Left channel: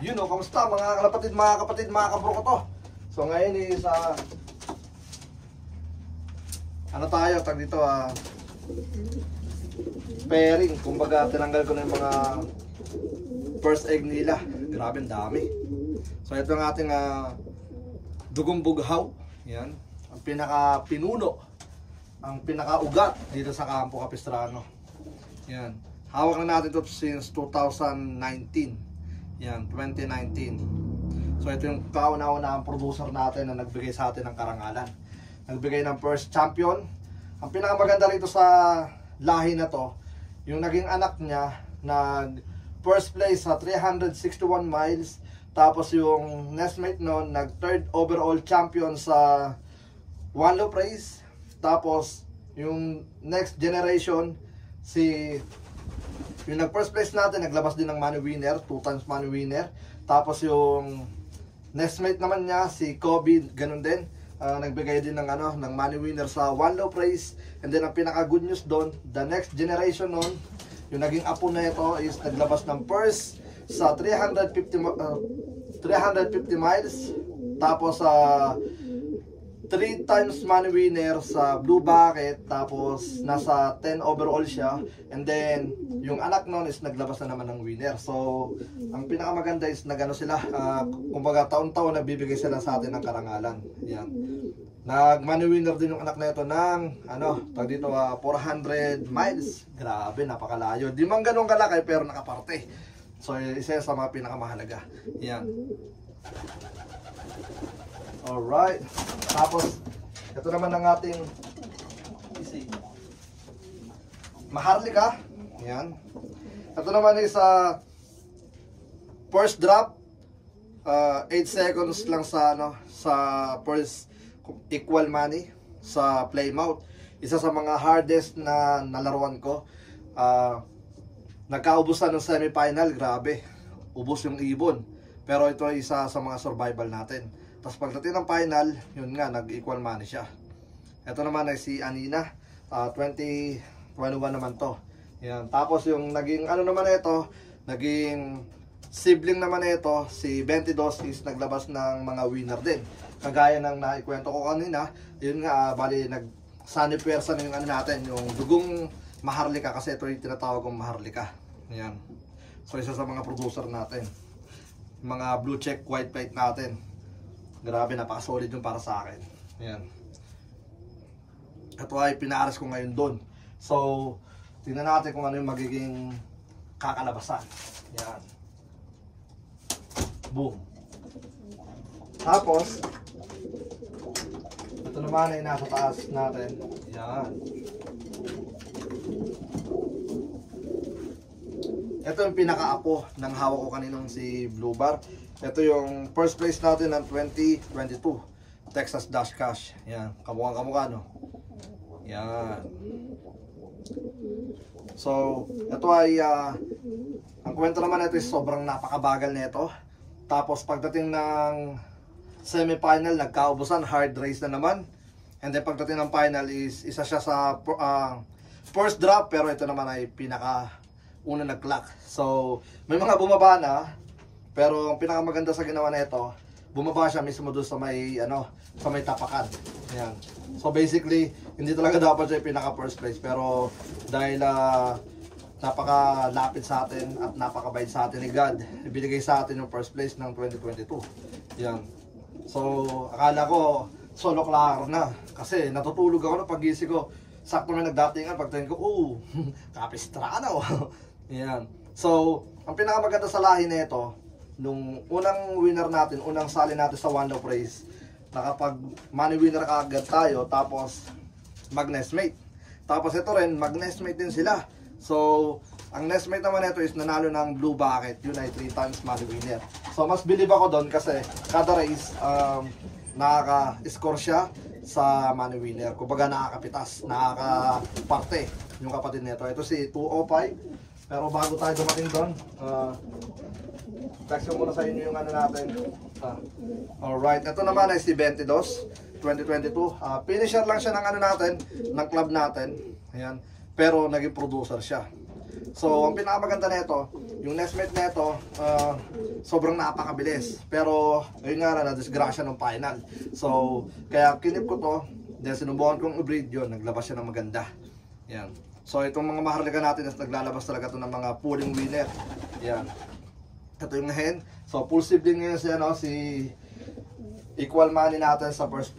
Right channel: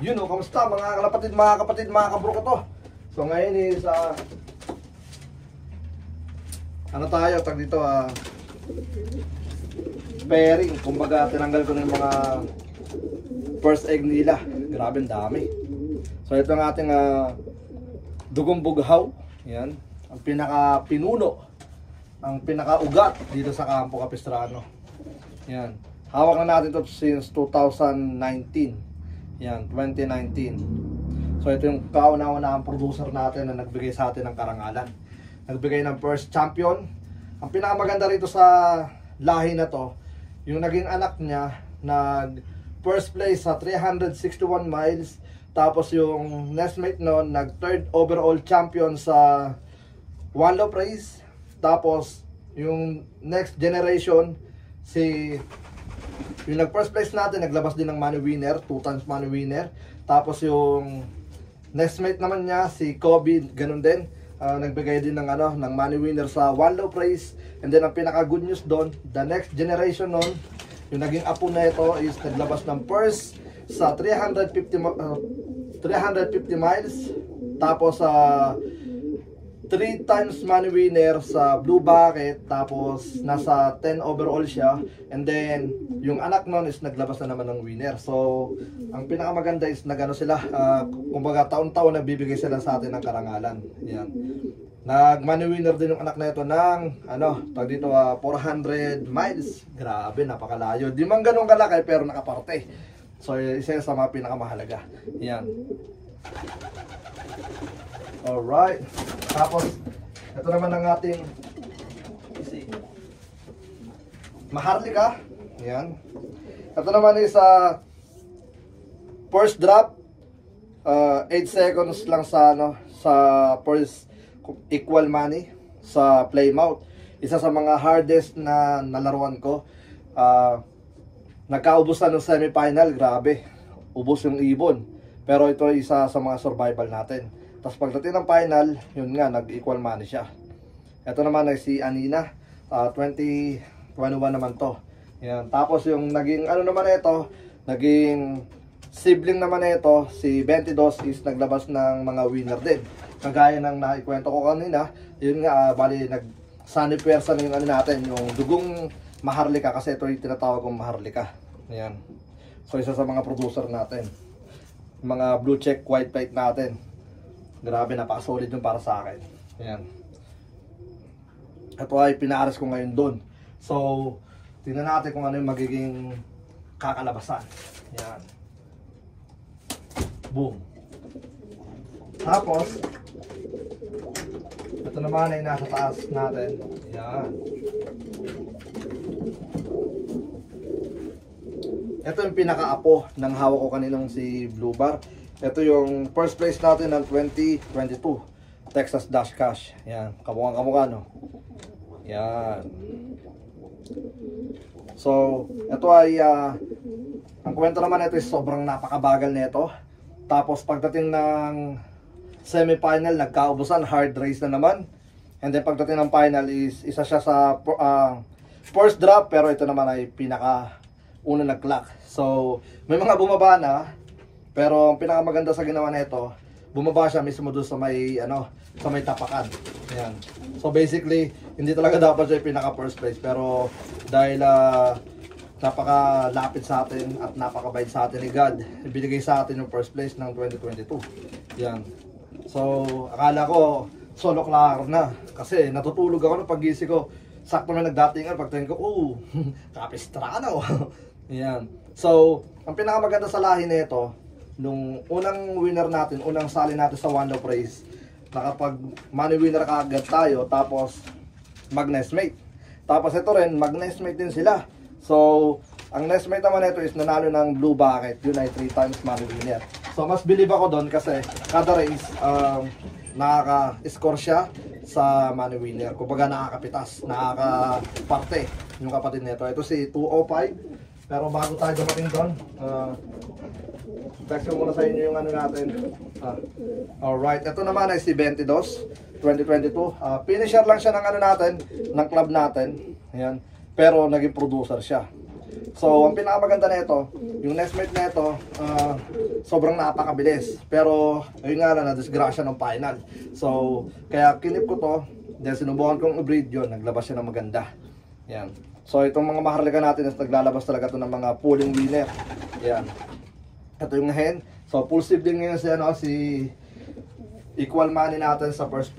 Yun o, kamusta mga kapatid, mga kabro ko to. So ngayon is ano tayo, tag dito pairing. Kumbaga tinanggal ko na yung mga first egg nila. Grabe, dami. So ito ang ating dugong bughaw. Yan, ang pinaka-pinuno, ang pinaka-ugat dito sa Campo Capistrano. Yan, hawak na natin ito since 2019. Yan, 2019. So ito yung kauna-unahang producer natin na nagbigay sa atin ng karangalan. Nagbigay ng first champion. Ang pinakamaganda rito sa lahi na to, yung naging anak niya nag first place sa 361 miles. Tapos yung nestmate noon nag third overall champion sa one loop race. Tapos yung next generation, yung nag first place natin naglabas din ng money winner, 2 times money winner. Tapos yung nestmate naman niya si Kobe, ganun din, nagbigay din ng ng money winner sa one loop race. And then ang pinaka good news doon, the next generation noon, yung naging apo na ito is naglabas ng first sa 350 miles. Tapos 3 times money winner sa Blue Bucket. Tapos nasa 10 overall siya. And then yung anak nun is naglabas na naman ng winner. So ang pinakamaganda is nagano sila, kumbaga taon-taon nagbibigay sila sa atin ng karangalan. Yan, nag money winner din yung anak na ito ng tag dito 400 miles. Grabe, napakalayo. Di man ganun kalaki pero nakaparte. So isa sa mga pinakamahalaga. Yan. Alright. Tapos ito naman ang ating Maharlika. Yan. Ito naman is first drop, 8 seconds lang sa sa first equal money sa Plymouth. Isa sa mga hardest na nalaruan ko. Nagkaubusan ng semifinal, grabe. Ubos yung ibon. Pero ito ay isa sa mga survival natin. Tapos pagdating ng final, yun nga, nag-equal money siya. Ito naman ay si Anina, 2021 naman to. Yan. Tapos yung naging naman ito, naging sibling naman ito, si 22 is naglabas ng mga winner din. Kagaya ng naikwento ko kanina, yun nga, bali nag-sunny pwersa na yung natin, yung dugong Maharlika, kasi ito yung tinatawag kong Maharlika. Yan. So isa sa mga producer natin. Mga blue check, white plate natin. Grabe, napaka-solid yung para sa akin. Ayan. Ito ay pinaaras ko ngayon doon. So, tingnan natin kung ano yung magiging kakalabasan. Ayan. Boom. Tapos, ito naman ay nasa taas natin. Ayan. Ito yung pinaka-apo ng hawak ko kaninang si Blue Bar. Ito yung first place natin ng 2022 Texas Dash Cash. Yan, kamukha no. Yan. So, ito ay ang kwento naman ito is sobrang napakabagal nito. Tapos pagdating ng semi-final, nagkaubusan, hard race na naman. And then pagdating ng final is isa siya sa first drop, pero ito naman ay pinaka una nag-clock. So, may mga bumaba na. Pero ang pinakamaganda sa ginawa nito, bumaba siya mismo doon sa may sa may tapakan. Ayan. So basically, hindi talaga dapat siya pinaka first place, pero dahil napakalapit sa atin at napakabait sa atin ni God, ibinigay sa atin yung first place ng 2022. Ayan. So akala ko solo claro na, kasi natutulog ako nung paggising ko. Sakto na nagdatingan, pagtingin ko, Capistrano. Ayan. So ang pinakamaganda sa lahi nito, nung unang winner natin, unang sali natin sa one loop race, nakapag money winner kaagad tayo, tapos mag nestmate. Tapos ito rin, mag nestmate din sila. So ang nestmate naman ito is nanalo ng Blue Bucket, yun ay 3 times money winner. So mas believe ako doon kasi kada race nakaka-score siya sa money winner. Kumbaga nakakapitas, nakakaparte yung kapatid nito. Ito si 205. Pero bago tayo dumating doon, text ko muna sa inyo yung natin. Alright, ito naman ay si 22, 2022. Finisher lang siya ng natin, ng club natin. Ayan. Pero naging producer siya. So, ang pinakamaganda nito, yung nestmate nito, sobrang napakabilis. Pero, yun nga lang, na-disgrasya ng final. So, kaya kinip ko to, then sinubukan kong i-breed yun, naglabas siya ng maganda. Yan. So, itong mga maharlika natin, naglalabas talaga to ng mga pulling winner. Yan. Ito yung hen. So, full sibling ngayon siya, no, si equal money natin sa first,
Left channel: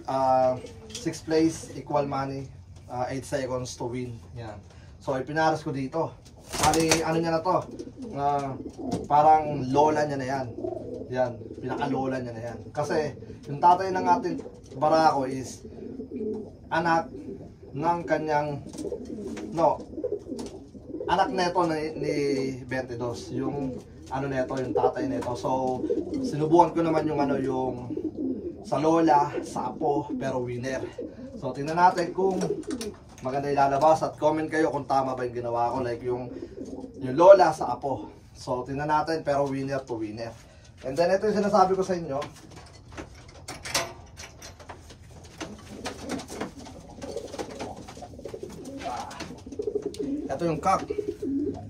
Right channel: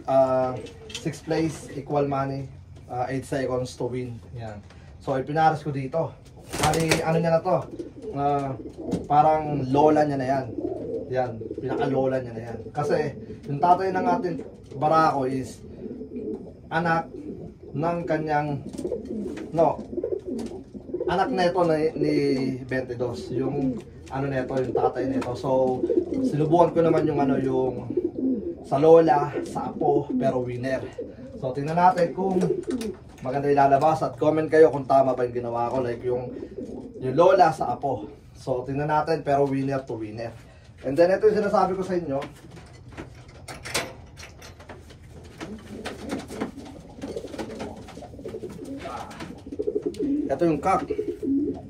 6th place, equal money, 8 seconds to win. Yan. So, ipinaras ko dito. Kali, ano niya na to, parang lola niya na yan. Yan, pinaka-lola niya na yan. Kasi, yung tatay ng ating barako is anak ng kanyang, anak neto ni 22. Yung, ano neto, yung tatay neto. So, sinubukan ko naman yung, yung sa lola, sa apo, pero winner. So, tingnan natin kung maganda ilalabas at comment kayo kung tama ba yung ginawa ko, like yung lola sa apo. So tingnan natin, pero winner to winner. And then ito yung sinasabi ko sa inyo. Ito yung cock.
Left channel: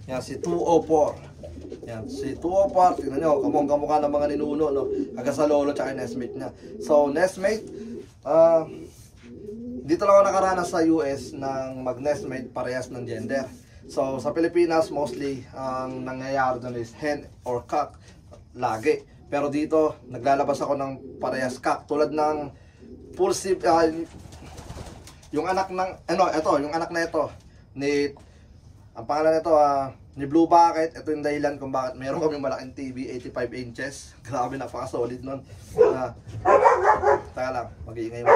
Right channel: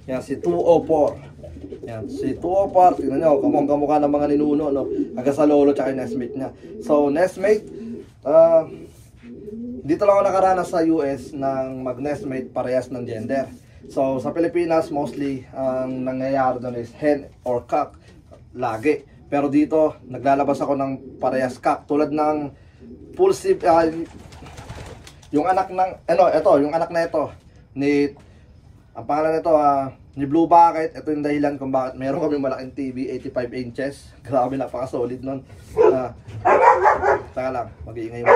Yan, si 204. Yan, si 204, tingnan nyo, kamukha ng mga ninuno, no? Hanggang sa lolo tsaka yung nestmate niya. So nestmate, dito lang ako nakaranas sa US ng mag-nestmate parehas ng gender. So sa Pilipinas mostly ang nangyayari doon is hen or cock lagi. Pero dito naglalabas ako ng parehas cock tulad ng pulsive, yung anak ng yung anak na ito ni, ang pangalan nito ni Blue Bucket. Ito yung dahilan kung bakit meron kami malaking TV, 85 inches. Grabe, napaka-solid nun. Taka lang, mag-iingay mo.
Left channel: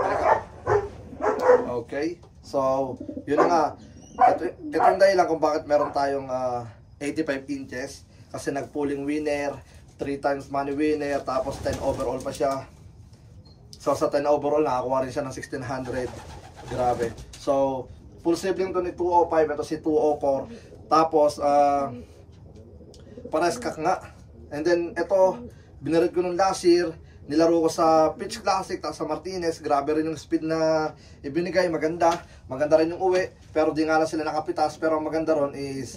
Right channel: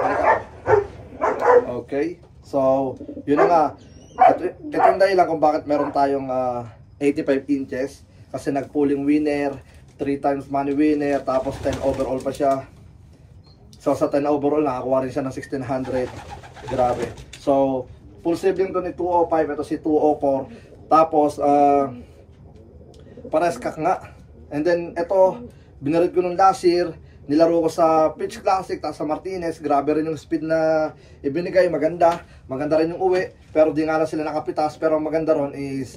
Balik ako. Okay, so yun nga. Ito yung dahilan kung bakit meron tayong 85 inches. Kasi nag-pulling winner, 3 times money winner, tapos 10 overall pa siya. So sa 10 overall, nakakuha rin siya ng 1600. Grabe. So full sibling to ni 205, ito si 204. Tapos pares kak nga. And then ito, binarid ko nung last year, nilaro ko sa Pitch Classic, tapos sa Martinez. Grabe rin yung speed na ibinigay, maganda. Maganda rin yung uwi, pero di nga na sila nakapitas. Pero ang maganda ron is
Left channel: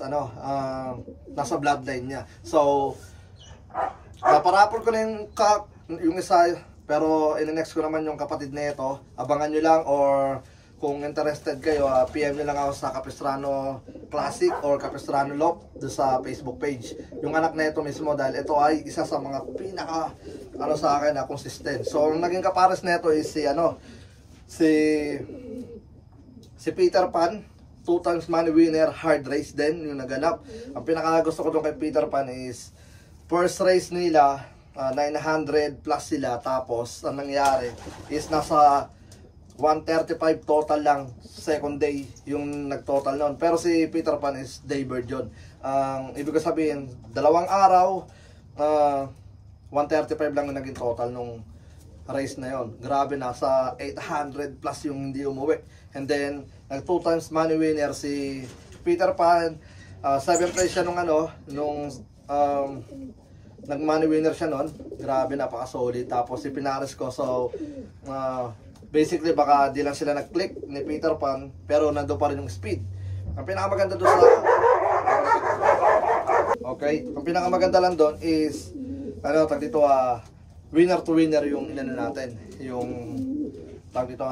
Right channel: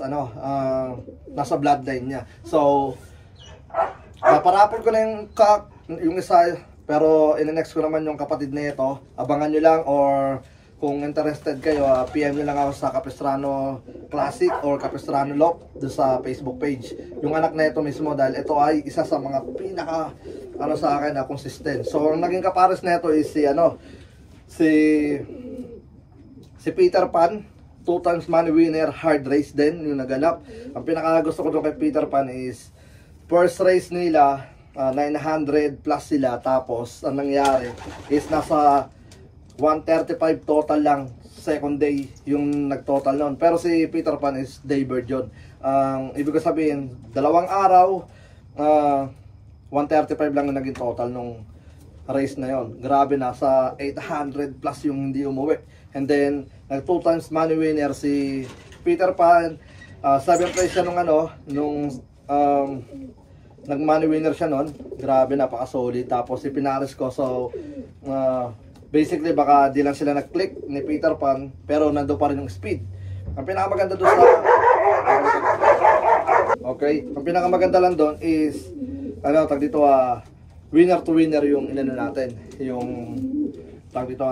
nasa bloodline niya. So naparapol ko na yung kak, yung isa, pero in-next ko naman yung kapatid na ito. Abangan nyo lang, or kung interested kayo, PM nyo lang ako sa Capistrano Classic or Capistrano Lock doon sa Facebook page. Yung anak na ito mismo, dahil ito ay isa sa mga pinaka sa akin na consistent. So ang naging kapares na ito is si Peter Pan, 2 times money winner, hard race din yung naganap. Ang pinaka gusto ko doon kay Peter Pan is first race nila 900 plus sila, tapos ang nangyari is nasa 135 total lang second day yung nagtotal nun. Pero si Peter Pan is daybird yun. Ibig ko sabihin, 2 araw, 135 lang yung naging total nung race na yon. Grabe, nasa 800 plus yung hindi umuwi. And then, nag 2 times money winner si Peter Pan. 7th place siya nung nag money winner siya nun. Grabe, napaka solid. Tapos si Pinares ko, so basically baka di lang sila nag-click ni Peter Pan, pero nando pa rin yung speed. Ang pinakamaganda doon ang pinakamaganda lang doon is tag dito winner to winner yung inano natin, yung tag dito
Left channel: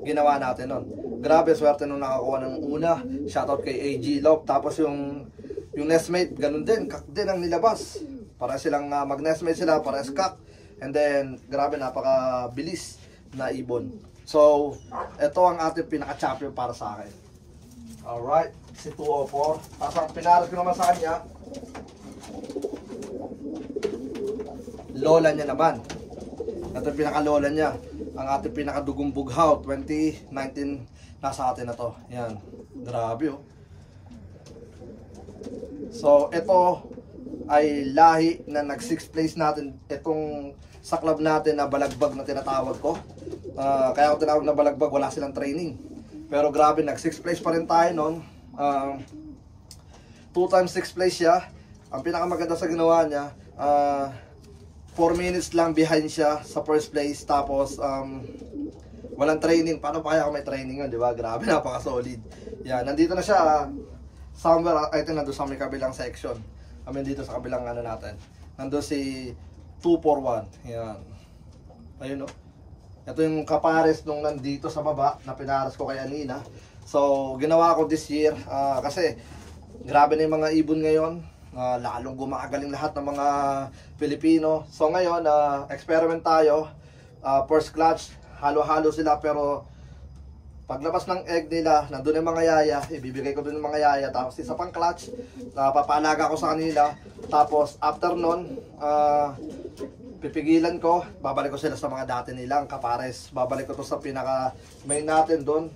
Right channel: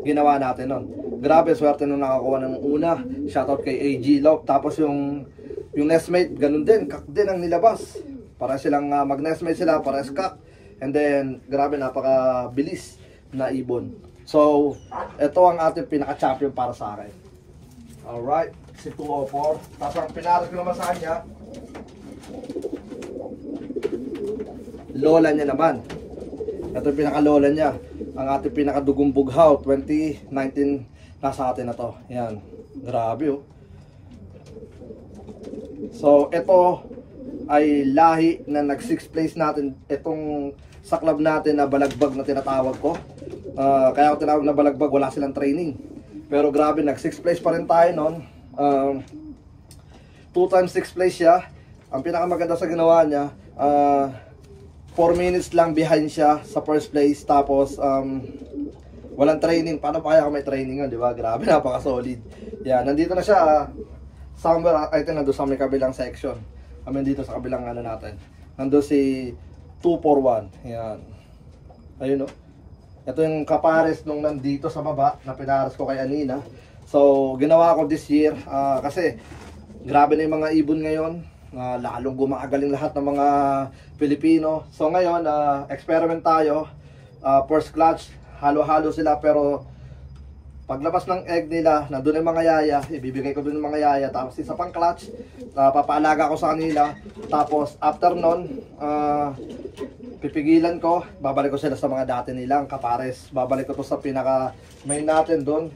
ginawa natin nun. Grabe, swerte nung nakakuha ng una. Shoutout kay AG Love. Tapos yung nestmate, ganun din, kak din ang nilabas. Para silang mag-nestmate sila, para kak. And then grabe, napaka bilis na ibon. So, ito ang ating pinaka-champion para sa akin. Alright, si 204. Tapos ang pinaras ko naman sa kanya, lola niya naman. Ito yung pinaka-lola niya. Ang ating pinaka-dugong bughaw, 2019, nasa atin na to. Yan, grabe oh. So, ito ay lahi na nag 6th place natin. Itong sa club natin na balagbag na tinatawag ko. Kaya ako tinawag na balagbag, wala silang training. Pero grabe, nag 6th place pa rin tayo noon. 2 times 6th place siya. Ang pinakamaganda sa ginawa niya, 4 minutes lang behind siya sa first place. Tapos walang training. Paano pa kaya kung may training yun, di ba? Grabe, napaka solid. Yan, nandito na siya. somewhere, I think nandun sa may kabilang section. Kami dito sa kabilang ano natin. Nandun si 241. Yan. Ayun, no? Ito yung kapares nung nandito sa baba na pinares ko kay Anina. So, ginawa ko this year kasi grabe na yung mga ibon ngayon. Lalong gumagaling lahat ng mga Pilipino. So, ngayon, experiment tayo. First clutch, halo-halo sila pero paglabas ng egg nila, nandun yung mga yaya, ibibigay ko dun yung mga yaya, tapos isa pang clutch, papaalaga ko sa kanila, tapos after nun, pipigilan ko, babalik ko sila sa mga dati nilang kapares, babalik ko to sa pinaka main natin dun,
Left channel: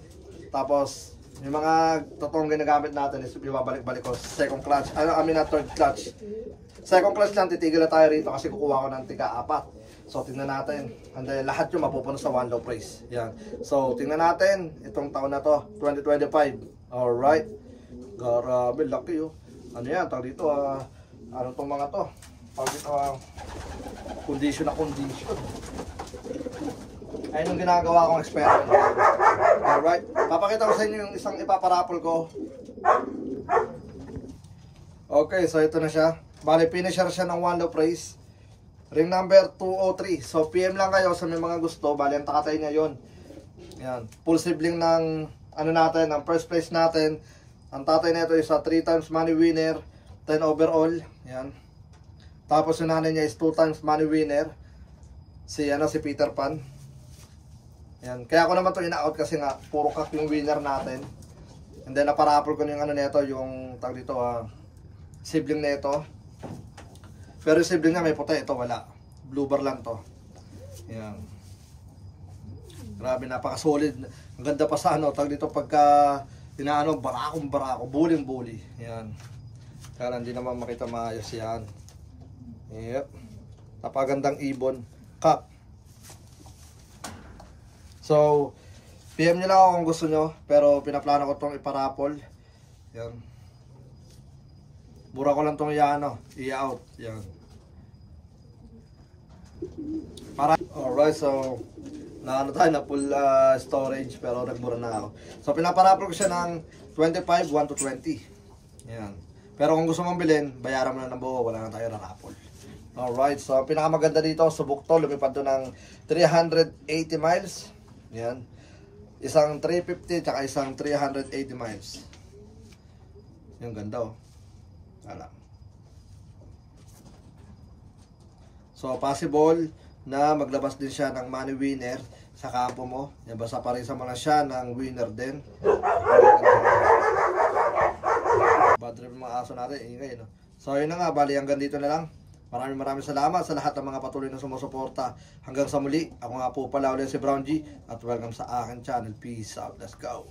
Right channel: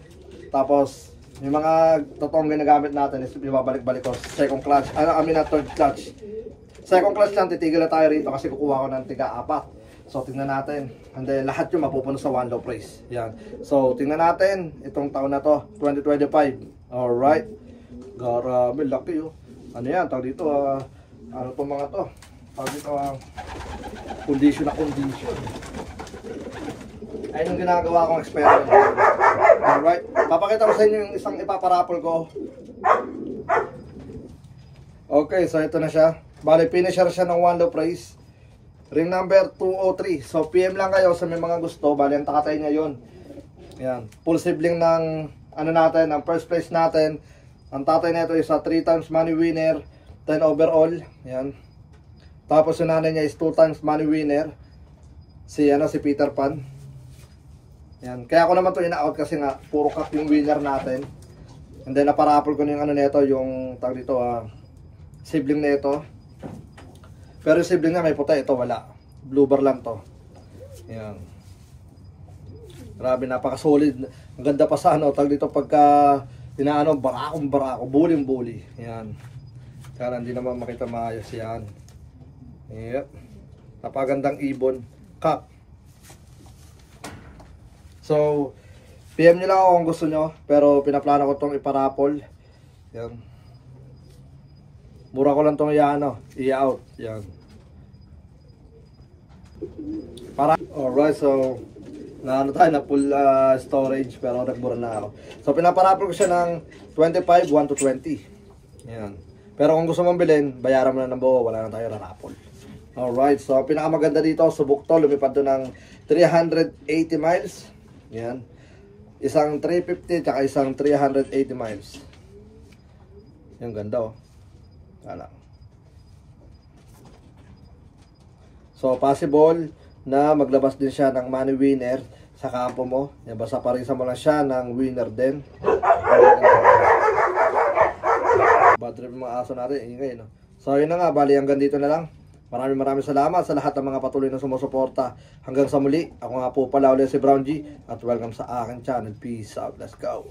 tapos yung mga totoong ginagamit natin is ibabalik-balik ko, second clutch, third clutch. Second clutch lang, titigil na tayo rito kasi kukuha ko ng tiga-4. So, tingnan natin. And then, lahat yung mapupuno sa one low price. Yan. So, tingnan natin. Itong taon na to, 2025. Alright. Grabe, laki oh. Ano yan? Tawag dito, ano to mga to? Tawag dito, condition na condition. Ayun yung ginagawa kong experiment. Alright. Papakita ko sa inyo yung isang ipaparapol ko. Okay, so ito na siya. Bale, finisher siya ng one low price. Ring number 203. So, PM lang kayo sa may mga gusto. Bali, ang takatay niya yun. Yan. Full sibling ng, ano natin, ng first place natin. Ang tatay nito is 3 times money winner, 10 overall. Yan. Tapos yung nanay niya is 2 times money winner. Si Peter Pan. Yan. Kaya ako naman to ina-out kasi nga, puro cut yung winner natin. And then, naparapol ko yung ano nito, yung, tag dito, sibling na ito. Pero yung sibling niya may puti, ito wala. Blue bar lang to. Yan. Grabe, napaka-solid. Ang ganda pa sa ano, tag dito pagka inaano, barako, buling-buli. Yan. Kaya hindi naman makita maayos yan. Yep. Napagandang ibon. Cup. So, PM nyo lang ako kung gusto nyo. Pero pinaplano ko itong iparapol. Yan. Mura ko lang itong i-out. Yan. Alright, so na full storage pero nagmura na ako. So pinaparapol ko siya ng 25, 1 to 20. Yan. Pero kung gusto mong bilhin, bayaran mo na ng buo, wala na tayo na rapol. Alright, so pinakamaganda dito, subok to, lumipad to ng 380 miles. Yan. Isang 350 tsaka isang 380 miles. Yung ganda oh. Wala. So possible na maglabas din siya ng money winner sa kampo mo. Yan, basta parisa mo lang siya ng winner din. Bad trip yung mga aso natin, ingay no. So yun na nga, bali hanggang dito na lang. Maraming salamat sa lahat ng mga patuloy na sumusuporta. Hanggang sa muli, ako nga po pala ulit si Brown G at welcome sa aking channel. Peace out, let's go.